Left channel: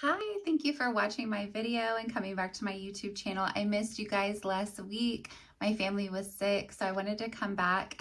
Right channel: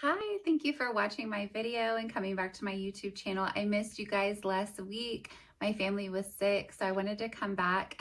Hi, thank you for watching my video and coming back to my YouTube channel. I missed you guys last week. My family was sick, so I wanted to come back.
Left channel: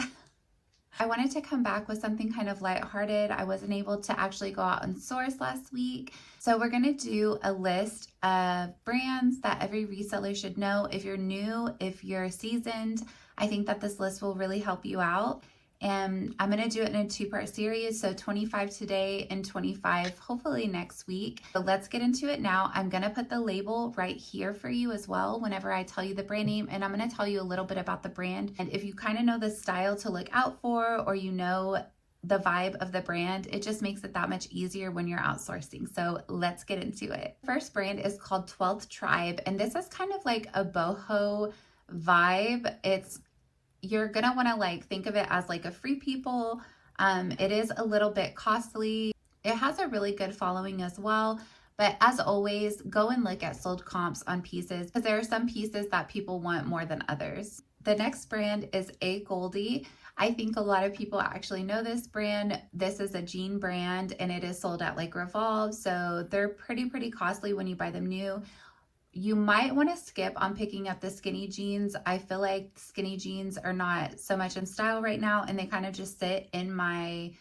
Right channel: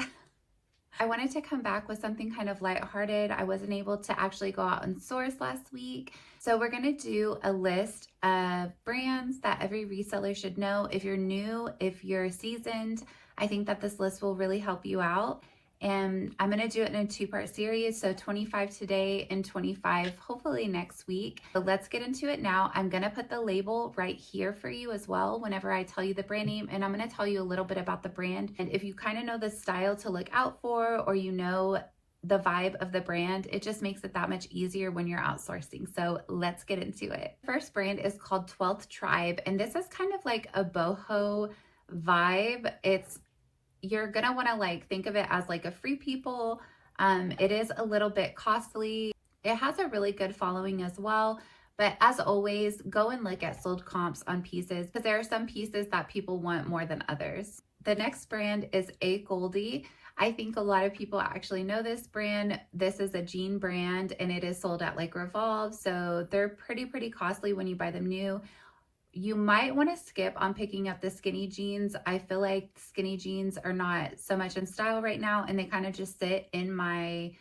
I wanted to come back with something kind of lighthearted. I wasn't able to actually go out and source last week. So we're gonna do a list of brands that every reseller should know. If you're new, if you're seasoned, I think that this list will really help you out. And I'm gonna do it in a two-part series, so 25 today and 25 hopefully next week. So let's get into it now. I'm gonna put the label right here for you as well whenever I tell you the brand name, and I'm gonna tell you a little bit about the brand. And if you kind of know the style to look out for, or you know the vibe of the brand, it just makes it that much easier when you're outsourcing. So let's get into it. First brand is called 12th Tribe, and this is kind of like a boho vibe. You're gonna want to think of it as like a free people. It is a little bit costly. It has a really good following as well. But as always, go and look at sold comps on pieces because there are some pieces that people want more than others. The next brand is A Goldie. I think a lot of people actually know this brand. This is a jean brand and it is sold at like Revolve. So they're pretty costly when you buy them new. You might want to skip on picking up the skinny jeans. I feel like skinny jeans are not so much in style right now and they kind of just sit in my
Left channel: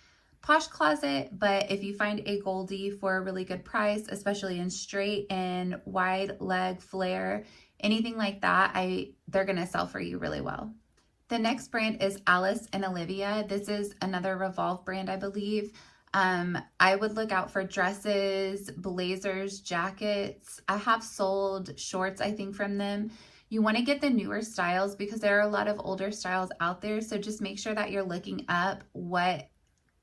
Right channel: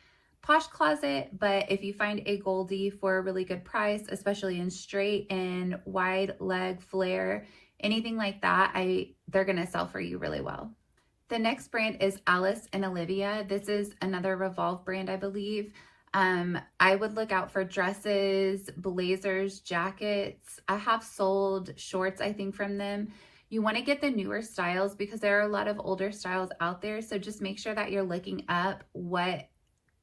Posh closet. But if you find a Goldie for a really good price, especially in straight and wide leg flare, anything like that, they're going to sell for you really well. The next brand is Alice and Olivia. This is another Revolve brand, I believe. I would look out for dresses, blazers, jackets. I have sold shorts, I think, from them. You want to get the newer styles because there are a lot of older styles out there. So just make sure that you're looking up what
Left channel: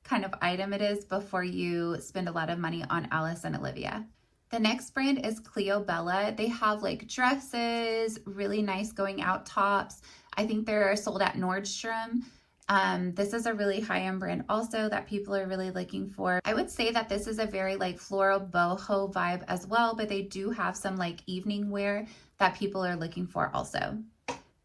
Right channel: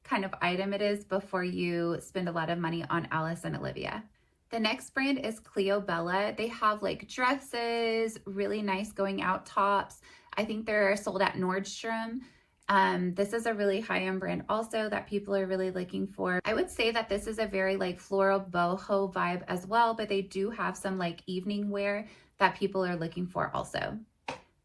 kind of item it is before you spend a lot of money on Alice and Olivia. The next brand is Cleo Bella. They have like dresses, really nice going out tops. I think they're sold at Nordstrom. This is a really high-end brand also that people are really looking for. I would say that this is a very like floral boho vibe as well, but they do have some like evening wear that people are looking for also.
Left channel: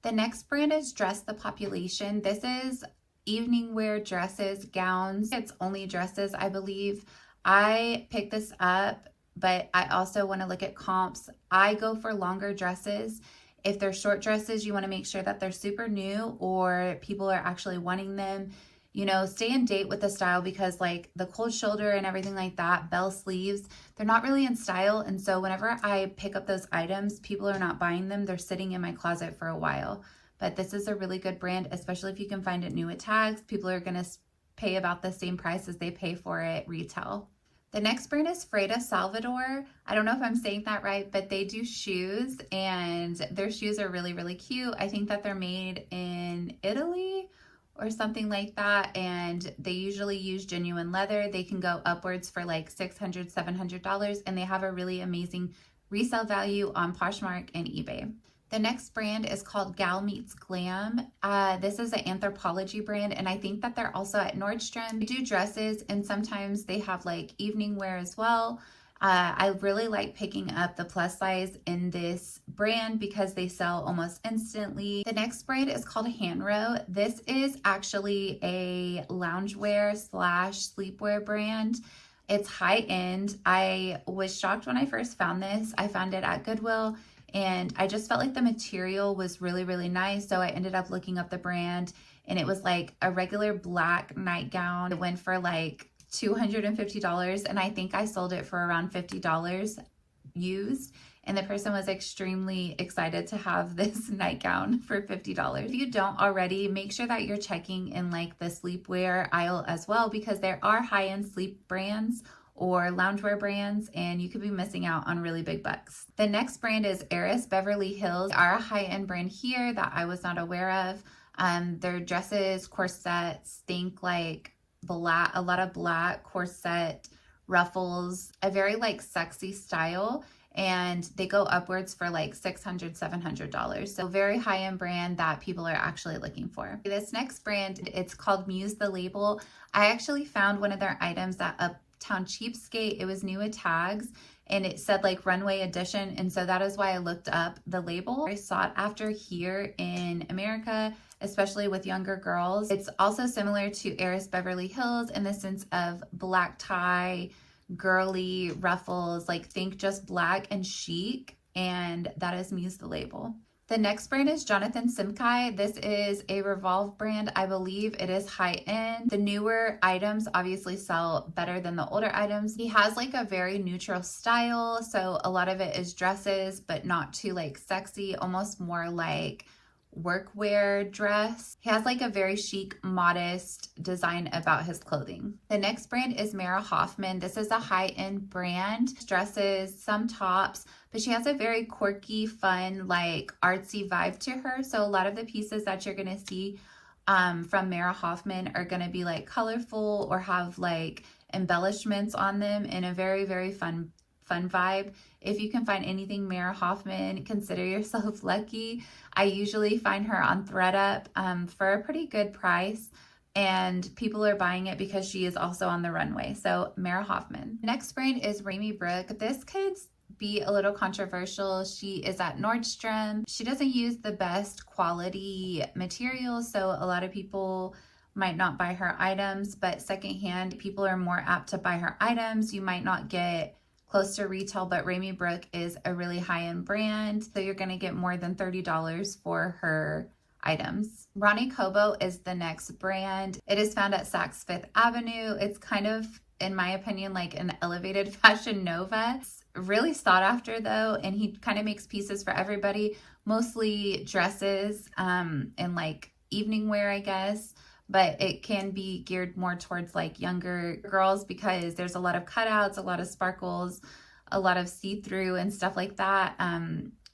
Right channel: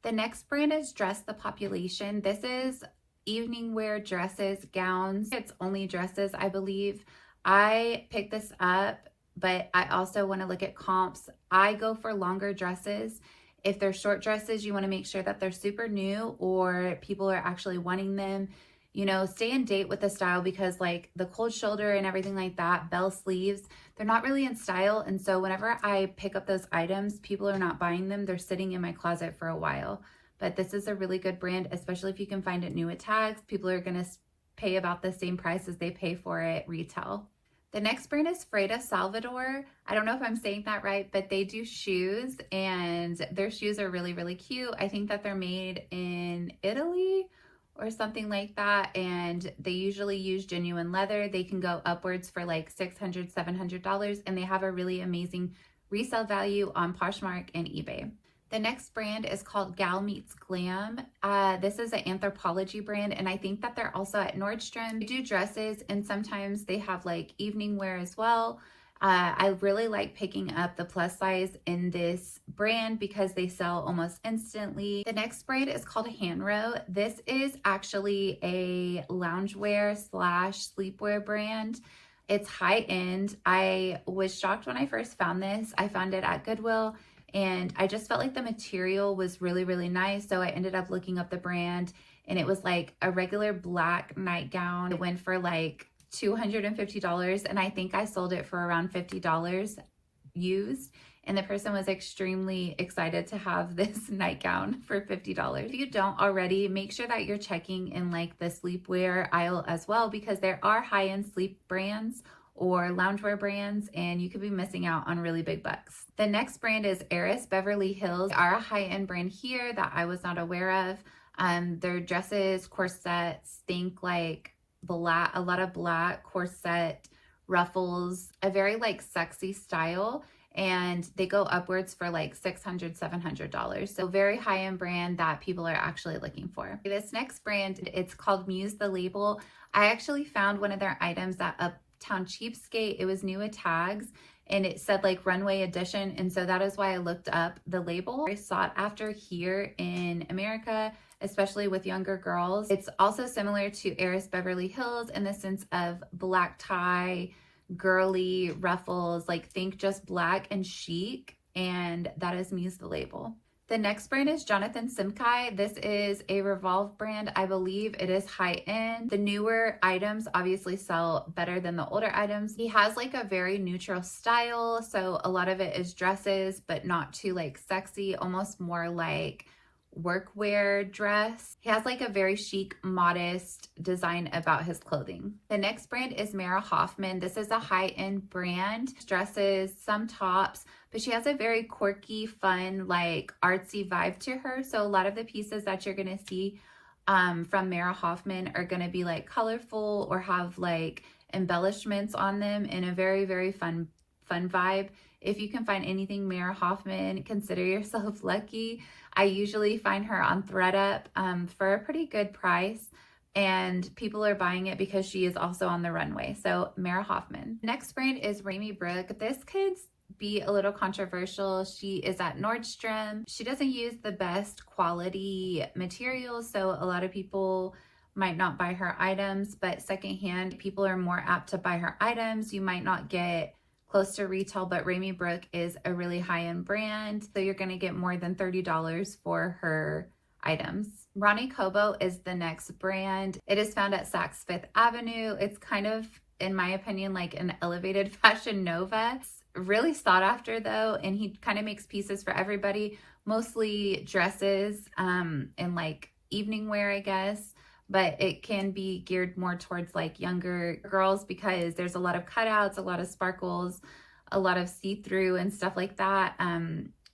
The next brand is Dress the Population. This is evening wear dresses, gowns. It's only dresses, I believe. I picked this up, but I also want to look at comps. I go for longer dresses. If they're short dresses, you want to make sure that they're super new or people are actually wanting them. You know, stay in date with the style because like the cold shoulder and everything like that, bell sleeves, they're not really in style. And so whenever I pick up those items, people are not buying them. They're sitting in my closet for a while. But this is a really good brand, especially if you can find it new at tags. People are going to pay about the same price as they pay for it retail. The next brand is Freda Salvador. I don't know if I'm saying that right, but they do shoes and their shoes are really cute. I think that they're made in Italy or something like that. And they usually use genuine leather. They can go upwards for like $600, $700 and they have a really amazing resale value on Poshmark and eBay. The next brand is called Gal Meets Glam. This is an Anthropology brand, and I think that they're also at Nordstrom. They do dresses, and sometimes they have like evening wear as well. I really like picking up the plus size in this brand because they sell almost instantly. The next brand is called Hanro. This is actually a loungewear / sleepwear brand. It's high end. I was shocked when I first found this. I found it at Goodwill. And I just felt like the material was really nice. So I ended up looking up the brand and it was like a regular black nightgown. It went for like $250 and I think I sold it for around $50 used. And the person was extremely excited to have this nightgown for $50. If you don't already, make sure that you're checking in like the sleepwear aisle as well because there are high-end sleep brands or loungewear brands, and you could be missing out on really big bucks. The next brand is Heiress Beverly Hills. They are a high-end brand here that I was not aware of. Their dresses, corsets, think like black, a lot of black corset, ruffles, a very like sexy style, and they go upwards for like $600, $700. So very high-end brand that people are actually looking for. This next brand, it's called Muse the Label. I actually found one of their items at Uptown Cheapskate. It was new at tags and it said like runway edition, and so that is why I looked up the label. Very sought after here in America, especially with younger girls. It's also similar to Heiress Beverly Hills in the sense of black tie, girly ruffles, like think just black and chic, and that is Muse the Label. The next brand is Jonathan Simkai. This is a Revolve brand. I believe it is high end. The newer items obviously sell better than the older items. He has like a very neutral style. So a lot of it is dresses, but not too like sexy, almost more like workwear dress. He has like a very chic, modest design about his clothing. The next brand is Mara Hoffman. This is a high-end brand. Dresses, some tops, but she has a very quirky, fun, like artsy vibe to her. So a lot of the pieces that you're going to see from Mara Hoffman are going to be like colorful or have like embellishments on them in a very, very fun vibe. If you can find anything Mara Hoffman, consider yourself lucky. I usually find her on ThredUp for a pretty good price, and people are buying it because she is also on the runway. So Mara Hoffman. Next brand is Remy Brook. This could be a little controversial. She is at Nordstrom. She doesn't use the best quality materials, so a lot of people might not buy her items, but secondhand, people are more apt to buy her items. You might not get close to retail, but Remy Brook is a really high-end brand, so you're going to get more than $30 for her items. Ronnie Kobo is the next brand. It is found at Saks Fifth Avenue. It's kind of, in my opinion, like an elevated Fashion Nova. It's really sought after though, and he kind of makes pieces for everybody, mostly dresses and like evening wear, I guess. But it can be geared more towards like younger girls because there's a lot of cutouts, a lot of sparkles, a lot of see-through and stuff like that.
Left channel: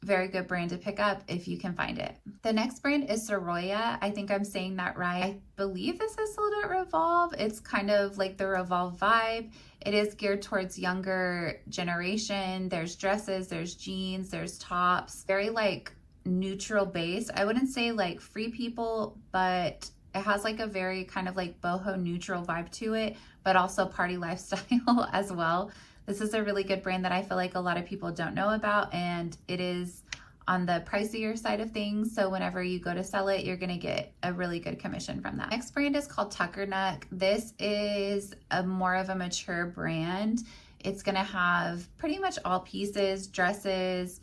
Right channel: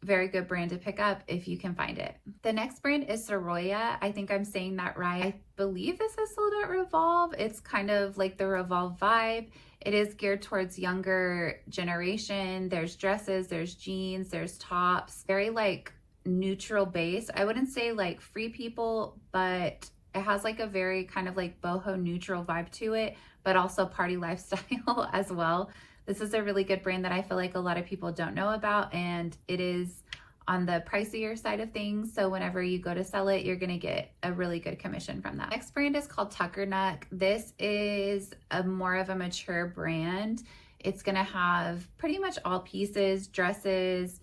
Very good brand to pick up if you can find it. The next brand is Soroya. I think I'm saying that right. I believe this is sold at Revolve. It's kind of like the Revolve vibe. It is geared towards younger generation. There's dresses, there's jeans, there's tops. Very like neutral base. I wouldn't say like free people, but it has like a very kind of like boho neutral vibe to it, but also party lifestyle as well. This is a really good brand that I feel like a lot of people don't know about, and it is on the pricier side of things. So whenever you go to sell it, you're gonna get a really good commission from that. Next brand is called Tuckernuck. This is a more of a mature brand. It's gonna have pretty much all pieces, dresses,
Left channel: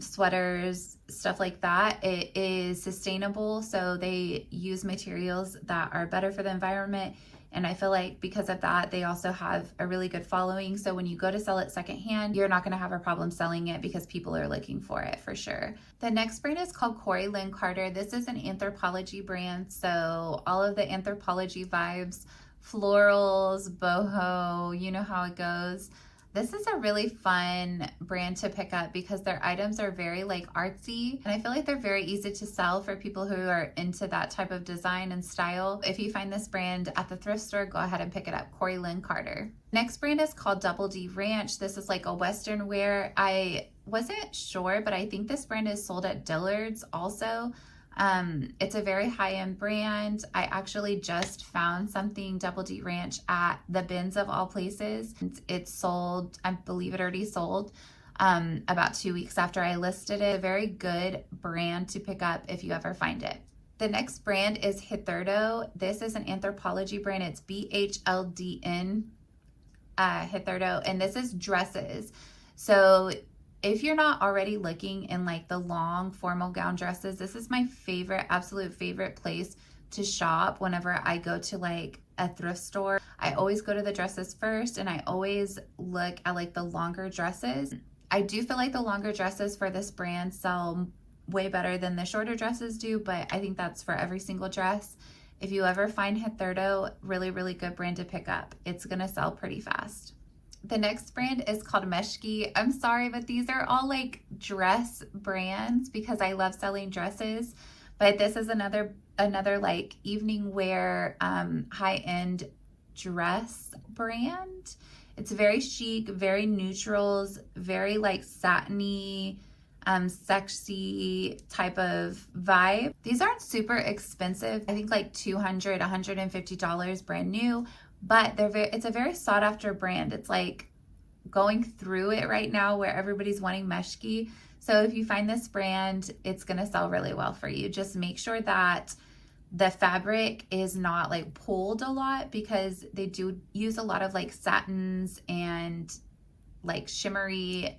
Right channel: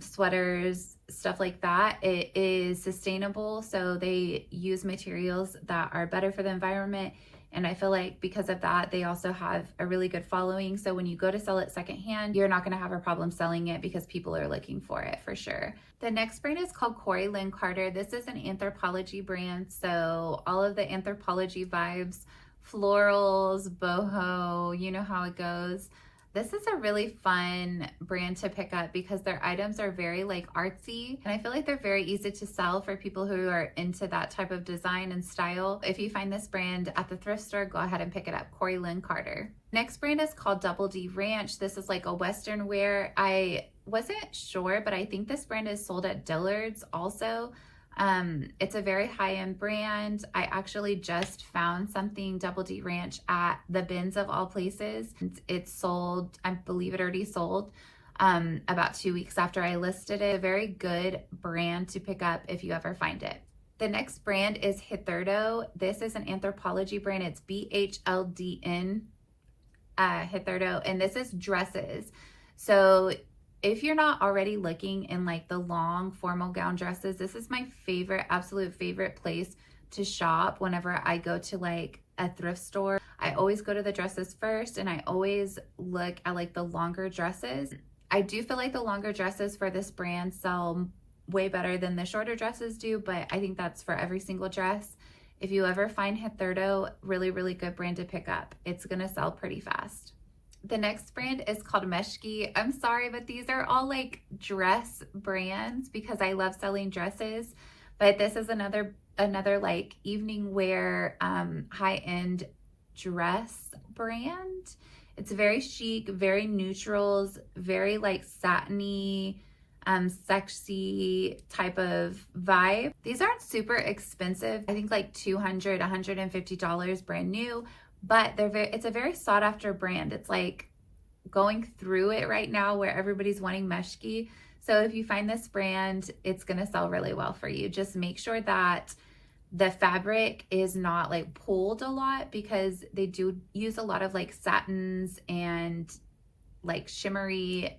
sweaters, stuff like that. It is sustainable, so they use materials that are better for the environment, and I feel like because of that, they also have a really good following. So when you go to sell it secondhand, you're not going to have a problem selling it because people are looking for it for sure. The next brand is called Corey Lynn Carter. This is an Anthropologie brand, so all of the Anthropologie vibes, florals, boho, you know how it goes. This is a really fun brand to pick up because their items are very like artsy, and I feel like they're very easy to sell for people who are into that type of design and style. If you find this brand at the thrift store, go ahead and pick it up. Corey Lynn Carter. Next brand is called Double D Ranch. This is like a Western wear. I wasn't sure, but I think this brand is sold at Dillard's also. It's a very high-end brand. I actually just found something Double D Ranch at the bins of all places. It's sold, I believe it already sold about 2 weeks after I listed it. A very good brand to pick up if you ever find it. The next brand is Hitherto. This is an Anthropologie brand. It's BHLDN Hitherto, and this is dresses. So if you're not already looking in like the long formal gown dresses, this is my favorite, absolute favorite place to shop whenever I go to like a thrift store. I always go to the dresses first, and I always look at like the longer dresses. I do feel like the longer dresses for this brand sell way better than the shorter dresses do, but I think that's for every single dress. If you ever find Hitherto, really, really good brand to pick up. It's gonna sell pretty fast. The next brand is called Meshki. I'm sorry, but these are all like dress brands because I love selling dresses. But this is another like evening wear high-end dress brand. It's very chic, very neutrals, very like satiny, sexy type of vibe. These aren't super expensive. I think like $200, $150 brand new. But it's a very sought after brand. It's like going through it right now where everybody's wanting Meshki. So if you find this brand, it's gonna sell really well for you. Just make sure that the fabric is not like pulled a lot because they do use a lot of like satins and like shimmery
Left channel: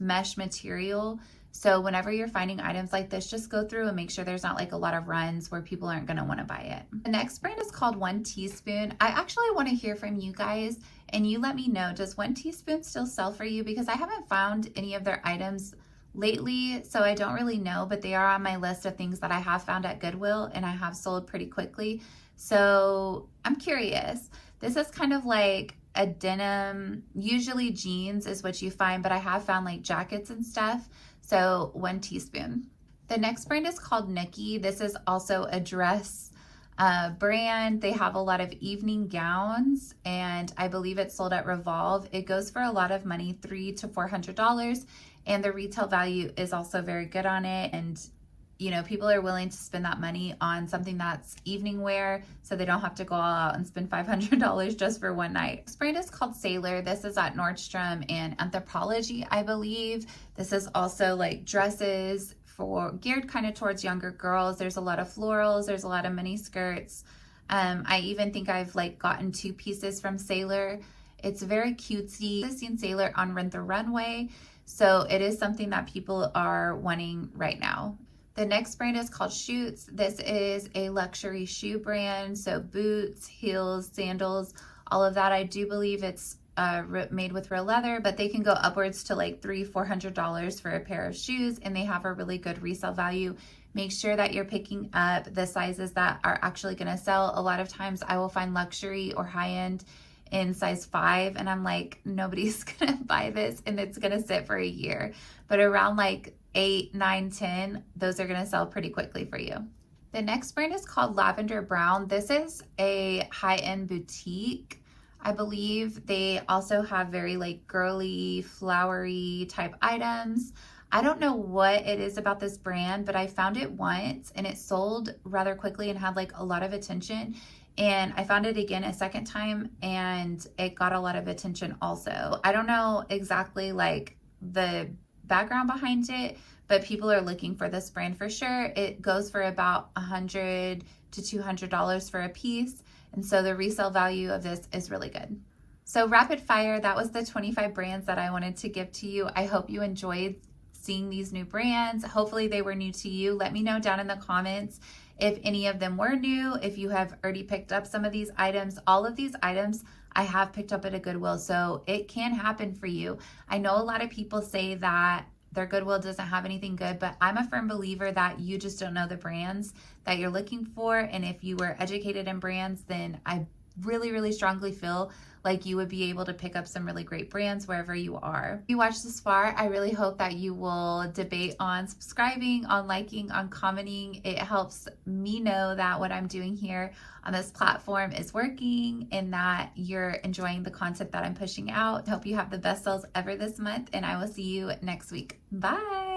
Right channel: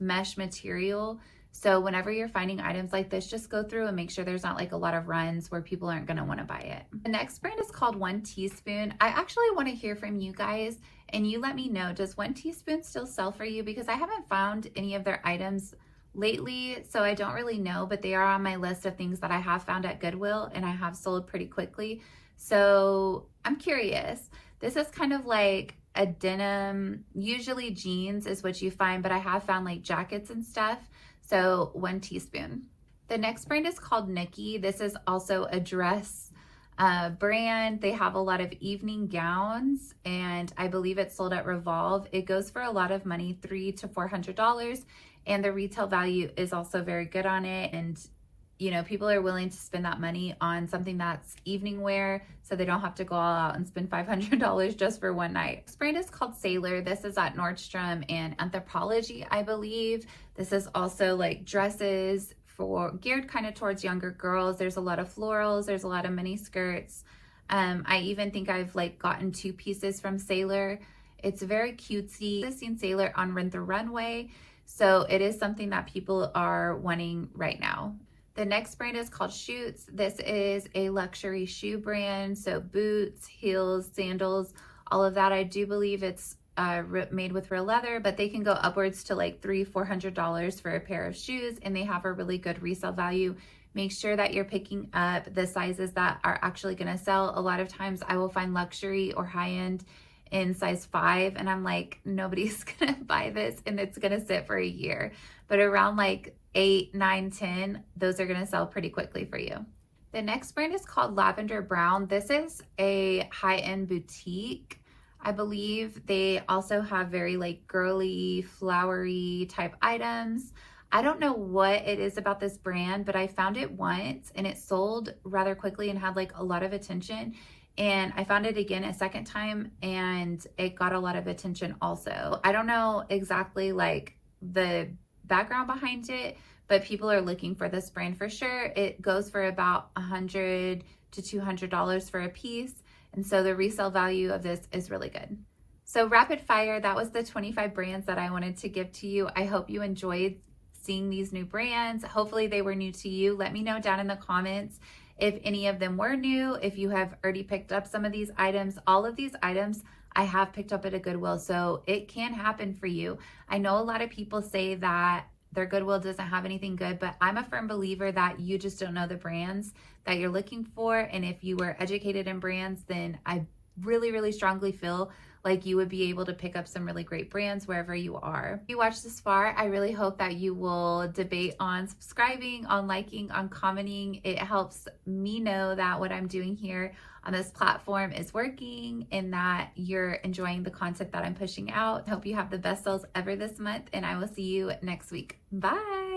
mesh material. So whenever you're finding items like this, just go through and make sure there's not like a lot of runs where people aren't going to want to buy it. The next brand is called 1 Teaspoon. I actually want to hear from you guys and you let me know, does 1 Teaspoon still sell for you? Because I haven't found any of their items lately, so I don't really know, but they are on my list of things that I have found at Goodwill and I have sold pretty quickly. So I'm curious. This is kind of like a denim, usually jeans is what you find, but I have found like jackets and stuff. So 1 Teaspoon. The next brand is called Nikki. This is also a dress brand. They have a lot of evening gowns and I believe it's sold at Revolve. It goes for a lot of money, $300 to $400. And the retail value is also very good on it. And, you know, people are willing to spend that money on something that's evening wear so they don't have to go all out and spend $500 just for one night. This brand is called Sailor. This is at Nordstrom and Anthropologie, I believe. This is also like dresses for geared kind of towards younger girls. There's a lot of florals. There's a lot of mini skirts. I even think I've like gotten 2 pieces from Sailor. It's very cutesy. I've seen Sailor on Rent the Runway. So it is something that people are wanting right now. The next brand is called Shoots. This is a luxury shoe brand. So boots, heels, sandals, all of that. I do believe it's made with real leather, but they can go upwards to like $300, $400 for a pair of shoes, and they have a really good resale value. Make sure that you're picking up the sizes that are actually going to sell. A lot of times I will find luxury or high-end in size 5 and I'm like, nobody's gonna buy this and it's gonna sit for a year. But around like 8, 9, 10, those are gonna sell pretty quickly for you. The next brand is called Lavender Brown. This is a high-end boutique. I believe they also have very like girly, flowery type items. I don't know what it is about this brand, but I found it once and it sold rather quickly and had like a lot of attention. And I found it again a second time and it got a lot of attention also. I don't know exactly like the background behind it, but people are looking for this brand for sure. It goes for about $100 to $200 for a piece. And so the resale value of this is really good. So rapid fire, that was the 25 brands that I wanted to give to you. I hope you enjoyed seeing these new brands. Hopefully they were new to you. Let me know down in the comments if any of them were new, if you have already picked up some of these items. All of these items I have picked up at a Goodwill, so it can happen for you. I know a lot of people say that their Goodwill doesn't have anything good, but I'm a firm believer that you just don't know the brands that you're looking for. And if you were educated in brands, then I really, really strongly feel like you would be able to pick up some really great brands wherever you are. If you watched this far, I really hope that you will debate on subscribing, on liking, on commenting. It helps me know that what I'm doing here on this platform is working and that you're enjoying the content that I'm pushing out. Hope you have the best sales ever this month, and I will see you next week. Bye.